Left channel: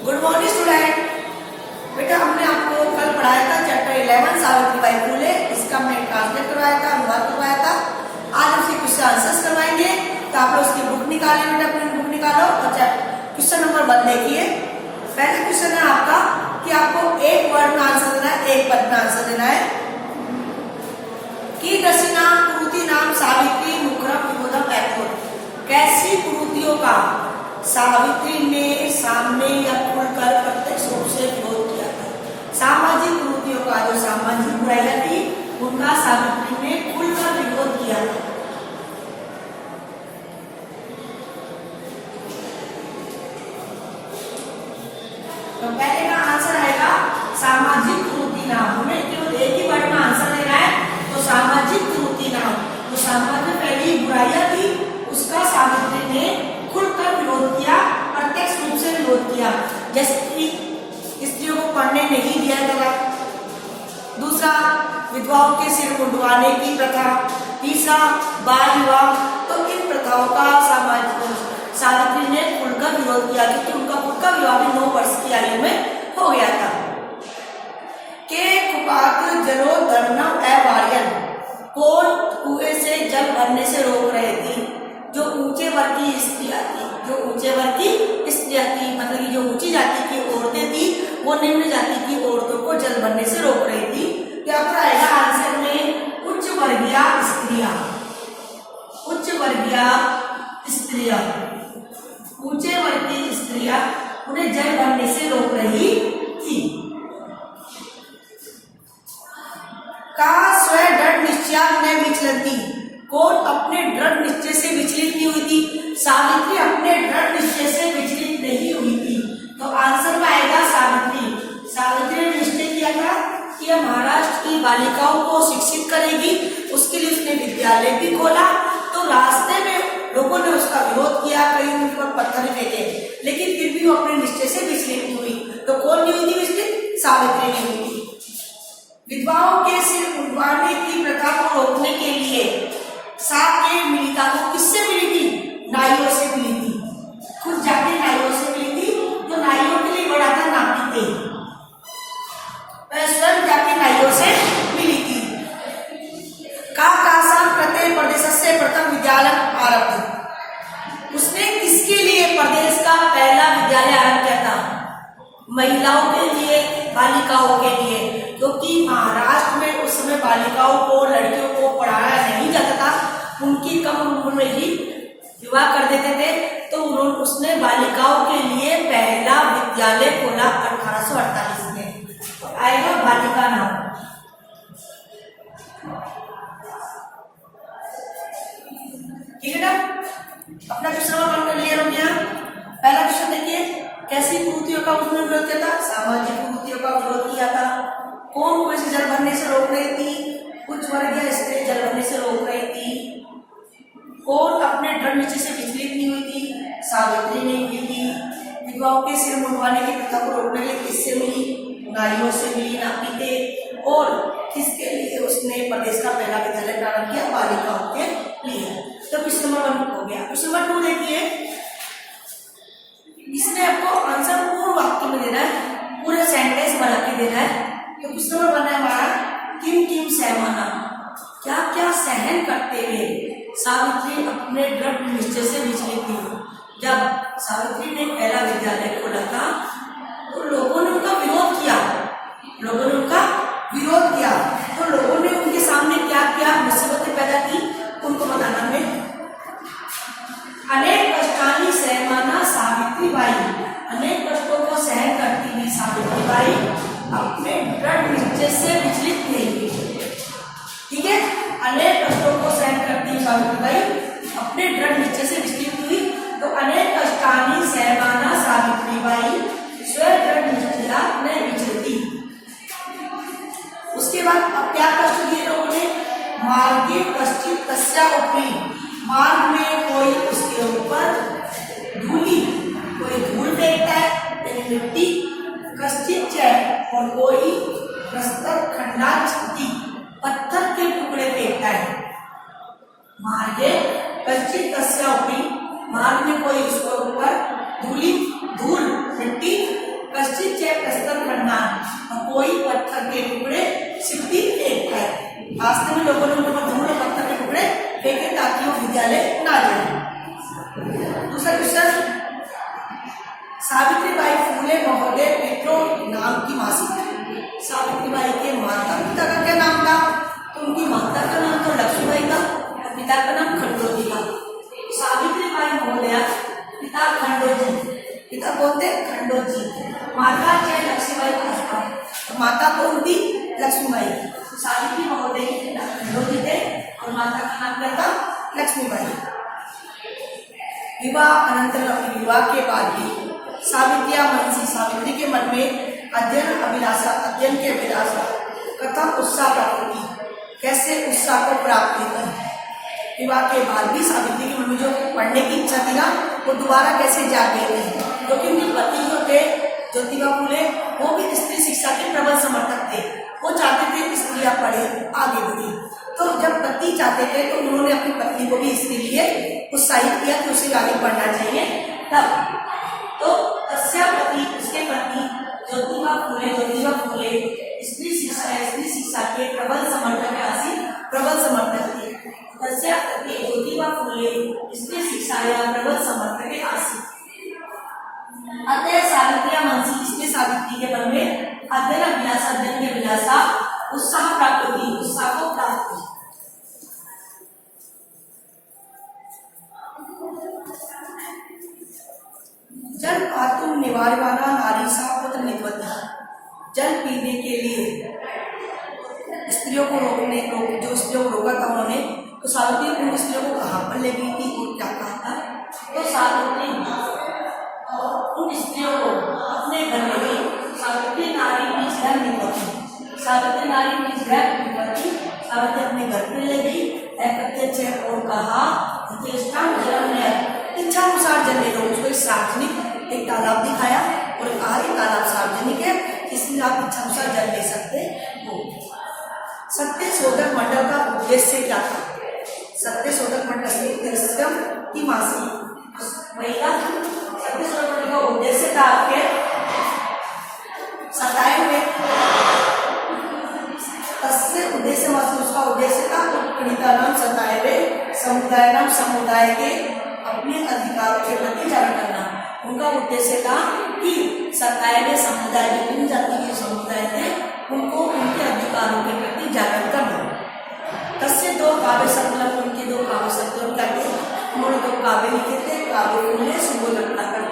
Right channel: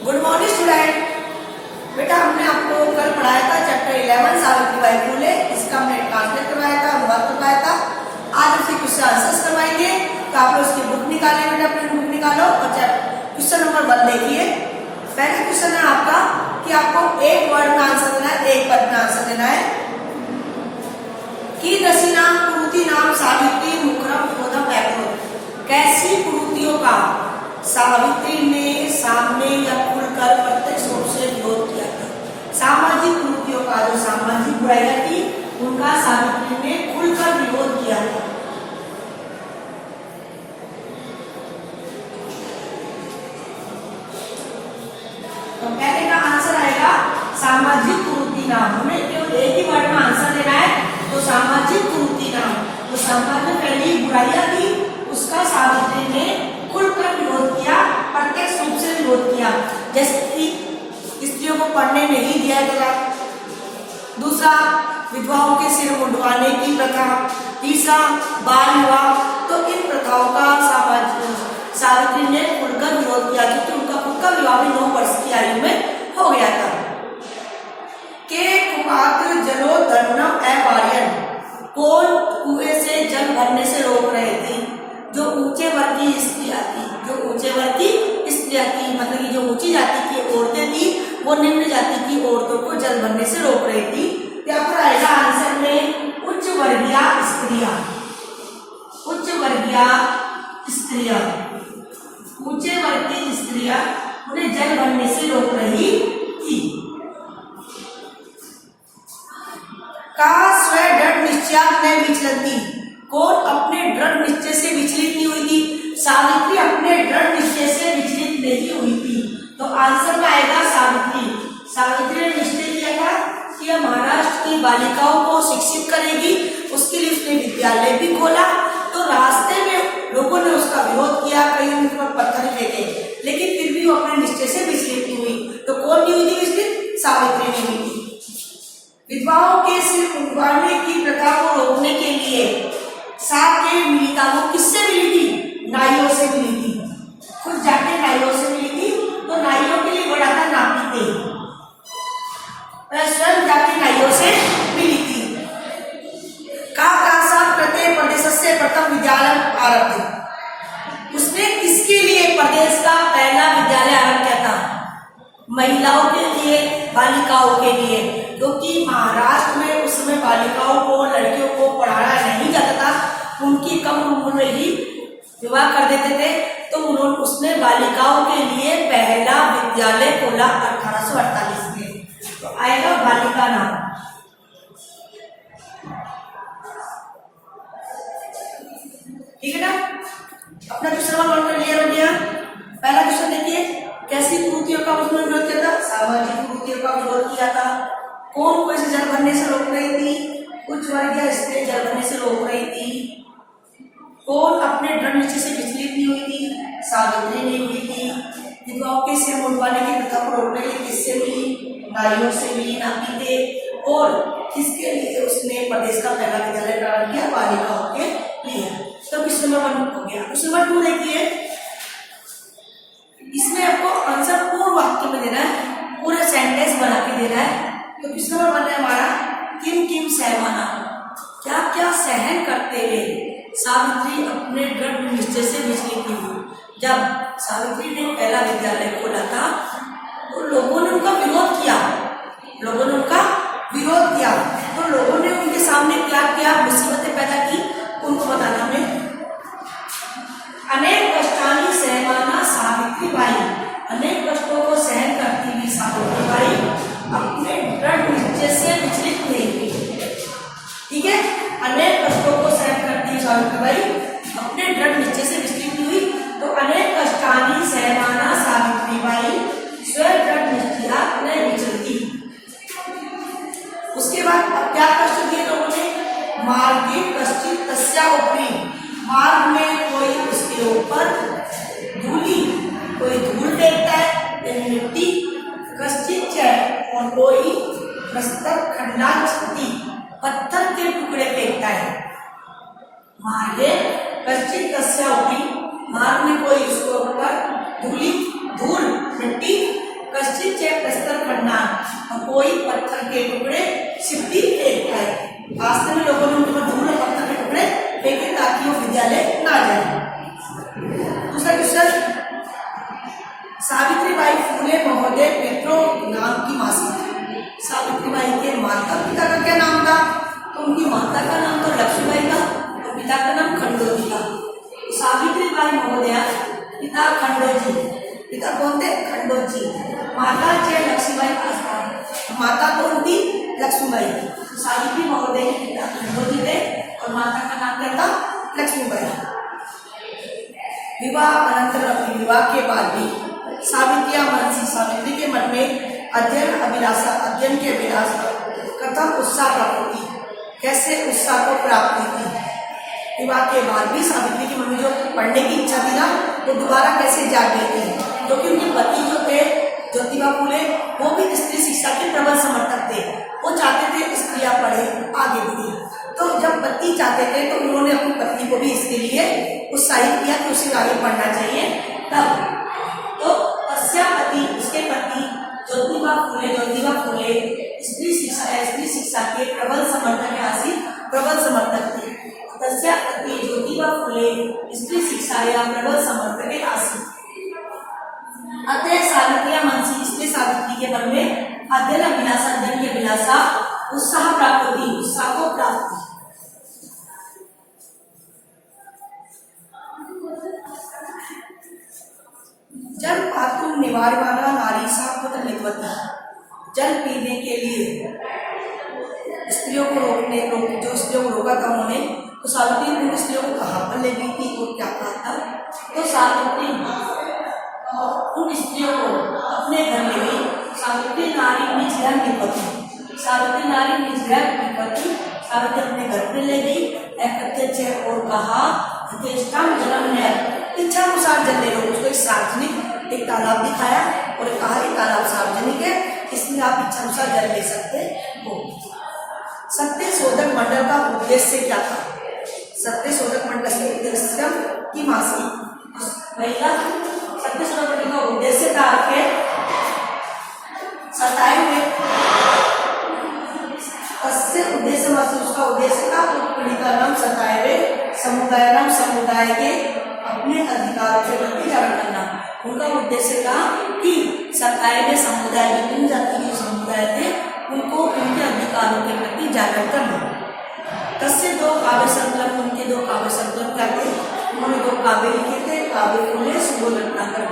Good morning student. बेटा हमने आपको कल पढ़ाया था चैप्टर 11 सावित्रीबाई फुले। इसका हमने ट्रांसलेट करवाया था, अनुवाद करवाया था। आज हम क्वेश्चन आंसर्स करवाएंगे। तो आप लोग उसकी बुक निकालिए बेटा, अपनी बुक निकालो और क्वेश्चन नंबर 1 देखिए। पहला क्वेश्चन है आपका कि आपको एक वर्ड में आंसर देना है, एक पद में आंसर देना है कि दसी नाम कुरुति नाम सावित्री मुखरम विरोधम पैक्रोध। कैसी कुरुतियों का सावित्री ने सामने या खुलकर प्रत्यक्ष रूप से विरोध किया था। सामाजिक कुरीतियों का, जो सामाजिक बुराइयां थी उनका सावित्री ने खुलकर विरोध किया था। तो पहले का आंसर आएगा सामाजिक कुरीति नाम। हमें केवल एक ही वर्ड में आंसर देना है, तो सामाजिक कुरीति नाम। जो सामाजिक पहली बुराइयां थी उसका सावित्री ने खुलकर विरोध किया, प्रत्यक्ष रूप से विरोध किया। जैसे कि स्त्रियों को पढ़ने नहीं दिया गया, दूसरा विधवाओं के सिर मुंडवाने की प्रथा, तीसरा बाल विवाह। तो इन प्रथाओं का सावित्री ने खुलकर विरोध किया क्योंकि उनका खुद का विवाह भी 9 वर्ष की आयु में हो गया था। के कुपात जलोदर्णम अवार्यन, कौन कुएं से जल भरने से रोक रहे थे? जो ऊंचे वर्ग की स्त्रियां थी, जो ऊंचे वर्ग की स्त्रियां थी, मतलब कि जो ऊंची जाति की औरतें थी वो निम्न जाति की औरतों को जल भरने से रोक रही थी। क्या आएगा आंसर में? उच्च वर्गीय स्त्रियां, उच्च वर्गीय स्त्रियां, ऊंचे वर्ग की स्त्रियां उन्हें जल भरने से रोक रही थी। का स्वयं दृढ़ निश्चय में विचलती, कौन अपने दृढ़ निश्चय से विचलित नहीं हुई थी? सावित्री अपने दृढ़ निश्चय से विचलित नहीं हुई थी। तो आंसर में आएगा सावित्री। सावित्री ने निश्चय किया था कि महाराष्ट्र की बालिकाओं को शिक्षित करेगी, उसके लिए उसने विद्यालय भी खोला। तो रास्ते में लोगों ने उसका विरोध किया, कई उनके पर पत्थर फेंके, लेकिन फिर भी वो अपने निश्चय से विचलित नहीं हुई। तो कौन नहीं हुई थी विचलित? सावित्री नहीं हुई थी। विधवाओं के सिर मुंडवाने की प्रथा को रोकने के लिए साथ के मिलिका को किससे मिली थी? नाइयों से मिली थी। खुद जाके नाइयों से मिली थी। तो नाइयों के लिए बड़ा था नापीते, वह स्वयं जाके नाइयों से मिली थी। काकासाम कृते प्रदेश से प्रथम विद्यालय आरब्ध, उसने किसके लिए प्रदेश का पहला विद्यालय आरंभ किया था? महिलाओं के लिए, बालिकाओं के लिए, क्योंकि महाराष्ट्र में उस समय बालिकाओं को, लड़कियों को पढ़ाया नहीं जाता था। उनकी कम उम्र में ही विवाह कर देते थे। तो उसने बालिकाओं के लिए पहला विद्यालय खोला 1848 में। तो आएगा बालिका नाम। ठीक है ना? अपना क्वेश्चन नंबर 1 का क्लियर हो गया। पहला क्वेश्चन देखिए, कैसी कुरीतियों का उसने विरोध किया था? सामाजिक कुरीतियों का विरोध किया था। कौन को इसे जल भरने से रोक रही थी? उच्च वर्गीय स्त्रियां जल भरने से रोक रही थी। कौन अपने दृढ़ निश्चय से विचलित नहीं हुई थी? सावित्री नहीं हुई थी। विधवाओं के सिर मुंडवाने की प्रथा को रोकने के लिए किससे मिली? नाइयों से मिली, नापीते। और किसके लिए उसने प्रदेश का पहला विद्यालय प्रारंभ किया? बालिकाओं के लिए। तो क्वेश्चन नंबर 1 हो गया। क्वेश्चन नंबर 2 देखिए, इसमें आपको आंसर पूर्ण वाक्य में देना है, पूरे सेंटेंस बना के देना है। तो क्वेश्चन नंबर 1 है हमारा, किम किम सहमाना, क्या क्या सहन करते हुए सावित्री अपने दृढ़ निश्चय से विचलित नहीं हुई। जब सावित्री ने पहला विद्यालय खोला था तो लोगों ने उनका विरोध किया, लोगों ने उनका विरोध किया। तो लोगों ने उनके सामने क्या क्या मुसीबतें पैदा की, उनको बताना हमें। अनेक कष्टानी सहमाना सावित्रीबाई, अनेक कष्टों को सहन करती हुई सावित्रीबाई अपने दृढ़ निश्चय से विचलित नहीं हुई। ठीक है, अनेक कष्टों को सहन करती हुई सावित्रीबाई अपने दृढ़ निश्चय से विचलित हुई। तो अनेक कष्टानी सहमाना सावित्रीबाई स्वयं दृढ़ निश्चया न विचलती। उसके बाद अब क्या कष्ट दिए लोगों ने? मार्गे कश्चित तस्या उपरी, मार्ग में कोई उसके ऊपर धूली, कोई धूल फेंकता है यानी मिट्टी, कश्चित और कोई प्रस्तर खंडा छती, पत्थर के टुकड़े फेंकता है। मार्गे कश्चित तस्या उपरी, मार्ग में कोई उसके ऊपर धूल मिट्टी दूसरा क्वेश्चन, सावित्रीबाई फुले महोदय पितरों नाम की मासी थी। सावित्रीबाई के माता पिता का क्या नाम था? तो उनकी माता का नाम तो लक्ष्मीबाई था और पिता का नाम खंडोजी था। सावित्रीबाई महोदय पिता खंडोजी, पिता कौन थे? खंडोजी। माता थे लक्ष्मीबाई आसपास, माता कौन थी? लक्ष्मीबाई। सावित्री महोदय के पिता खंडोजी थे और माता का नाम क्या था? लक्ष्मीबाई। विवाह अनंतर, विवाह के बाद भी सावित्रिया मनसी, सावित्री के मन में अध्ययन के अभिलाषा कथम उत्साह प्राप्त हुई, कैसे उत्साह को प्राप्त हुई। विवाह के बाद भी सावित्री की मन में जो पढ़ने की इच्छा थी ना, वो दोबारा कैसे जाग गई थी, क्योंकि उनके पति जो थे ज्योतिबा फुले, वो भी स्त्री शिक्षा के प्रबल समर्थक थे। वो चाहते थे स्त्रियां पढ़े, आगे बढ़े। तो जब पति चाहते थे तो उन्होंने अपनी पत्नी को भी इसके लिए उत्साहित किया कि उसे आगे बढ़ना चाहिए। तब तो पति, उसके पति ज्योतिबा फुले स्त्री शिक्षा के प्रबल समर्थक थे। तस्या पति ज्योतिबा फुले स्त्री शिक्षा या प्रबल समर्थक आसीत्। अतः सावित्रिया मनसी, इसलिए सावित्री के मन में अध्ययन की अभिलाषा उत्साह प्राप्त हुई, उत्साह को प्राप्त हुई। जल पातुम निवारवाना नारी सा पुत्र नित्वती, जल पीने के लिए स्त्रियों को जो स्त्रियों को रोका था उन्होंने, तो सावित्री उन स्त्रियों को कहाँ पर ले गई थी और क्या कहा था? तो सावित्री उन स्त्रियों को अपने घर ले गई। सावित्री नारी निजरा नित्वती, सावित्री नारी निजरा नित्वती, सावित्री अपने घर पे ले गई। और कहा इच्छा अनुसार जल ले लो। उसको सार्वजनिक एक तालाब दिखाया और कहा ये तालाब सार्वजनिक है, इसलिए आप इच्छा अनुसार जल ले सकते हो। सत्य शोधक मंडल का उद्देश्य क्या था? सत्य शोधक मंडल से उद्देश्य की मासी महिला, सत्य शोधक मंडल का उद्देश्य था आपके सताए में उद्देश्य मासी, उसका उद्देश्य था पीड़िता नाम सताए हुए समुदाय के अपने अधिकारों के प्रति जागरण करना। उनका उद्देश्य था कि सताए हुए समुदाय, इन जाति के समुदाय थे, उनको उनके अधिकारों के प्रति जागरण करना। तस्य दो काव्य संकलन, उनके दो काव्य संकलन करके उन्होंने दो काव्य लिखे थे। काव्य फुले सुबोध रत्नाकर,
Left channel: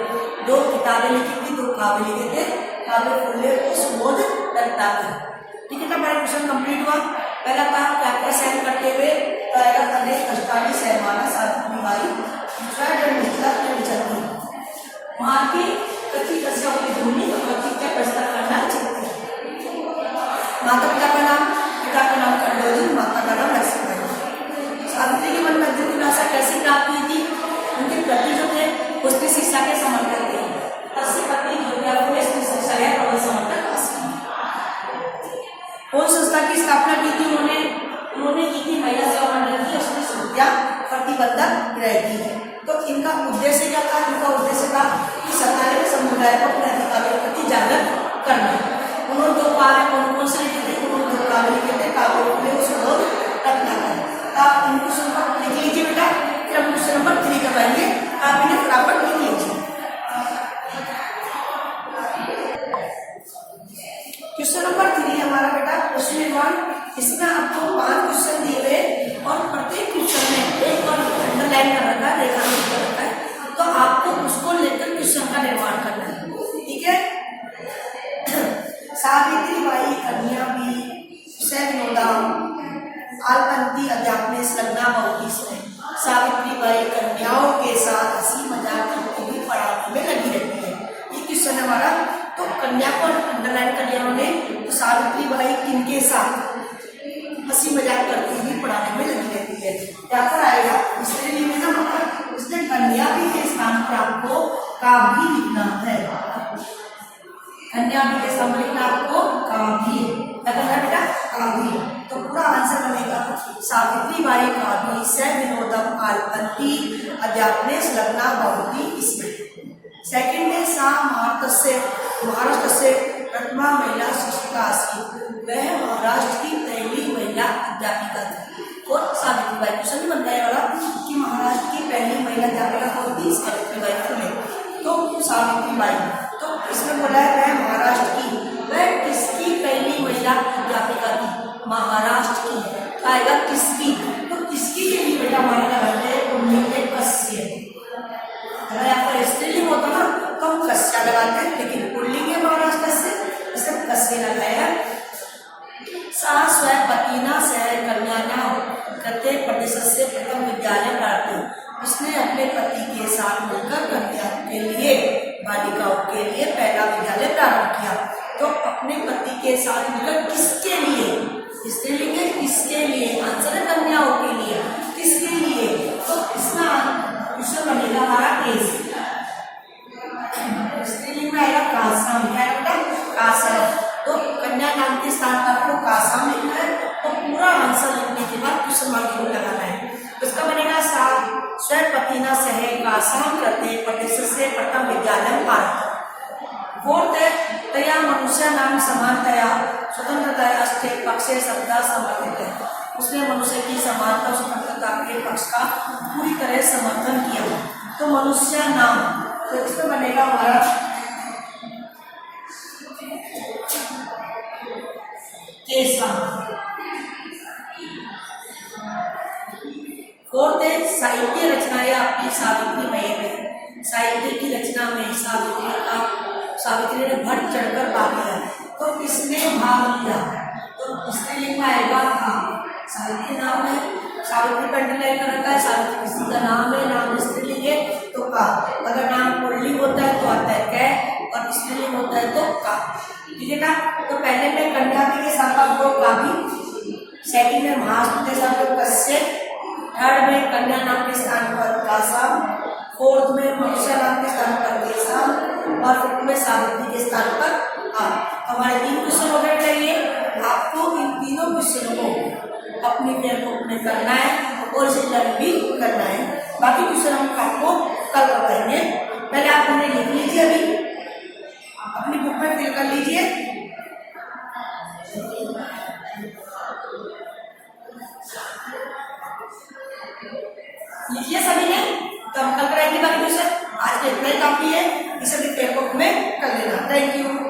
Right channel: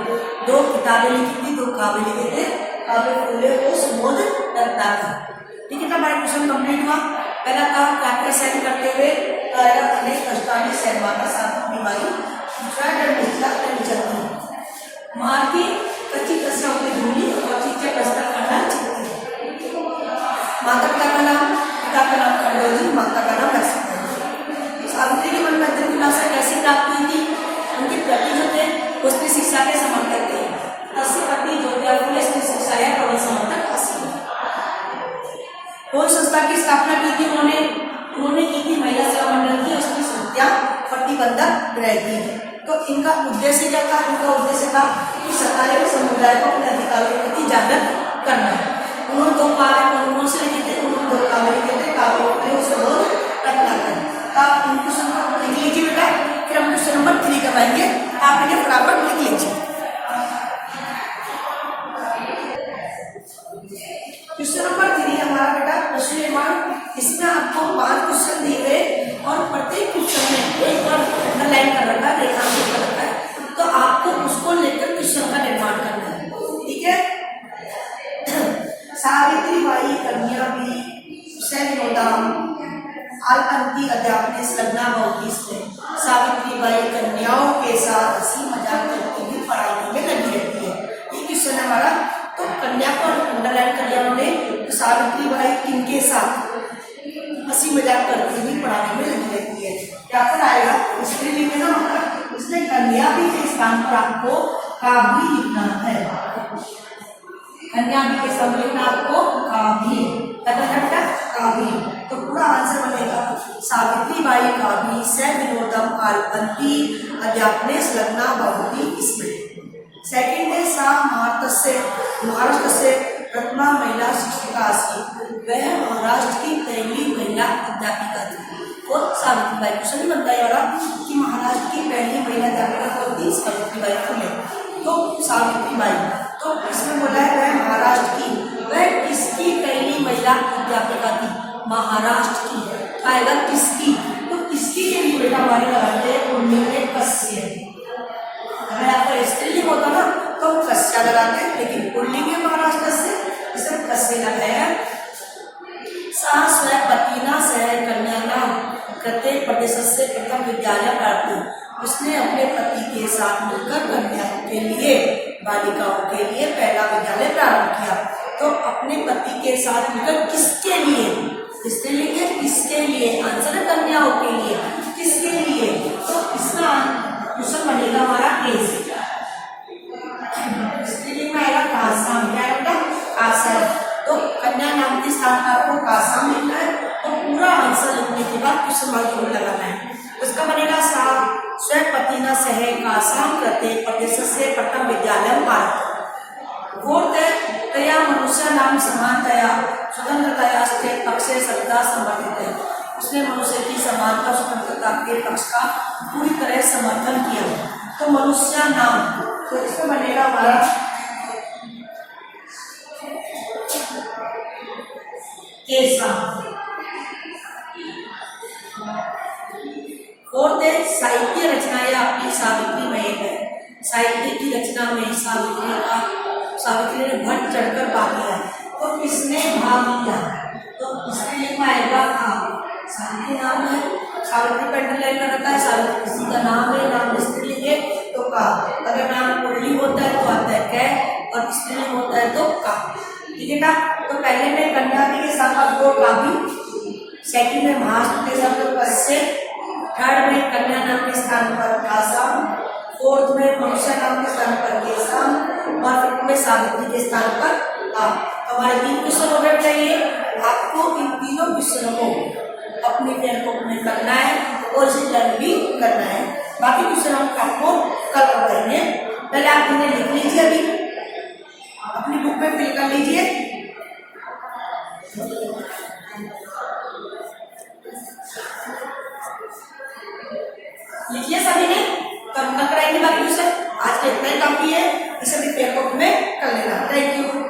दो किताबें लिखी थी, दो काव्य लिखे थे, काव्य फुले को सुबोध रत्नाकर। ठीक है ना, हमारा क्वेश्चन कंप्लीट हुआ। पहला था क्या साइन करते हुए अनेक कष्टानी सहमाना सावित्री बाई, दूसरा निचलती माँ की कच्ची कस्या होती धूली और चिच्चा कस्ता करना चित्ती। माता पिता का नाम खंडोजी, माता का नाम लक्ष्मीबाई। सावित्री के मन में अध्ययन की अभिलाषा कैसे प्राप्त हुई थी? उनके पति जो थे वो स्त्री शिक्षा के समर्थक थे। तस्य पति ज्योतिबा फुले स्त्री शिक्षा या प्रबल समर्थक आसीत्। कौन संस्था की स्थापना की थी उन्होंने की थी? महिला सेवा मंडल की और स्त्री हत्या प्रतिबंधक गृह की। तो इनका उद्देश्य क्या था? इनका उद्देश्य था कि सताए समुदाय को अपने अधिकारों के प्रति जागृत करना। उन्होंने दो काव्य कौन से लिखे थे? उन्होंने दो काव्य लिखे थे, काव्य सुबोध रत्नाकर। आप इन क्वेश्चन को लिख लीजिए बेटा, फिर हम क्वेश्चन नंबर 3 करवाएंगे। आप इन्हें फटाफट लिख लीजिए। क्वेश्चन नंबर 3 हमारा बेटा क्वेश्चन निर्माण। इसमें आपको 5 क्वेश्चन दिए हुए और प्रत्येक क्वेश्चन में एक बार अंडरलाइन कर रखा है, रेखांकित कर रखा है, तो आपको उसको लेकर क्वेश्चन का निर्माण करना है। ठीक है। सावित्रीबाई कन्या भी विनोदाम आलपंती अध्यापने संलग्ना होती। इसमें सावित्रीबाई कन्याओं के साथ हंसी मजाक करती हुई पढ़ाने में लगी रहती है। ये क्वेश्चन हमारा, तो कन्या को अंडरलाइन कर दिया उन्होंने। तो सावित्रीबाई इनके साथ हंसी मजाक करती हुई पढ़ाने में लगी रहती है। क्या पर आएगा? स्त्री लिखे ना, मतलब इसमें कन्या भी के स्थान पर आपको काव्य लिखना है। कन्या भी के स्थान पर लिखना आपको काव्य, क्या करना है बेटा? काव्य। तो पूरा आंसर बनेगा सावित्रीबाई काव्य स विनोदम आलपंती अध्यापने संलग्ना भवति। इसमें सेकंड है सा महाराष्ट्र से प्रथमा महिला शिक्षिका आसीत्। वह महाराष्ट्र की पहली महिला अध्यापिका थी। और सावित्रीबाई क्वेश्चन भी बनता है वाला कि महाराष्ट्र की पहली महिला अध्यापिका कौन थी? सावित्रीबाई फुले। तो सावित्रीबाई, तो इसमें बोला है वह महाराष्ट्र की, वह किसकी पहली महिला अध्यापिका थी? महाराष्ट्र की। आएगा किसकी, तो किसकी के लिए बेटा हमारे लगाते हैं पुल्लिंग कस्य। अगर यहाँ पर स्त्रीलिंग होता ना तो हम कस्या लगाते हैं, लेकिन पुल्लिंग है महाराष्ट्र से, इसे कस्य लगाए हैं। सा स्वपतिना सह कन्याना कृते प्रदेशस्य प्रथम विद्यालय प्राप्त, उसने अपने पति के साथ मिलकर कन्याओं के लिए, बालिकाओं के लिए पहला विद्यालय प्रारंभ किया। तो अपने पति के साथ मिलकर किसके लिए? स्त्रीलिंग है, किसके लिए? आंसर है कन्याओं के लिए। किसके लिए? तो इसका क्वेश्चन बनेगा हमारा एस। स्त्रीलिंग में आएगा कासाम। क्या बेटा? कासाम। तो कन्या नाम के स्थान पर आपको कासाम लिखना है, तो पूरा आंसर लिखने के बाद क्वेश्चन मार्क जरूर लगाना है। तो इसका बनेगा सा स्वपतिना सह कासाम कृते प्रदेशस्य प्रथम विद्यालय भारत। फोर्थ है तया मनुष्य नाम समानतया स्वतंत्रतया अस्ते पक्षे सत्ता समर्थित है, उसने मनुष्य की समानता स्वतंत्रता के पक्ष का पूरी तरह समर्थन किया। तो मनुष्य नाम, तो इसमें बनेगा हमारा केसा। फोर्थ है साहित्य रचनाएं आपकी सावित्री में है, साहित्य की रचना में सावित्री ने बढ़ चढ़कर भाग लिया। तो किसने भाग लिया? तो इसके लिए आएगा सावित्री नाम है, सावित्री का अंडरलाइन कर रखा है, सावित्री किसी का नाम है, नाम स्त्रीलिंग है तो का, अगर नाम पुल्लिंग होता है तो आता है कै, और स्त्रीलिंग होता है तो का। ठीक है ना? तो पहले में कन्या के साथ आप दो का भी, सेकंड में महाराष्ट्र के साथ कस्य, थर्ड में कन्या नाम के स्थान पर कासाम, फोर्थ में मनुष्य नाम के स्थान पर केसाम, और फिफ्थ में सावित्री के स्थान पर आप। हमारे 3 क्वेश्चन हो गए चाहिए। आपको इन तीनों क्वेश्चनों को अपनी टेक्स्ट में करना है और इसे लर्न भी करना है। बाकी क्वेश्चन हम आपको कल करवाएंगे। पहले आप इन्हें लिख लीजिए, अभी अपनी बुक में फिल कर लीजिए। लिखिए सभी ने, तो हम कल कराएंगे बाकी क्वेश्चन। आज के इतना ही काफी है, इसे भी पेपर में कर लेना। Thank you.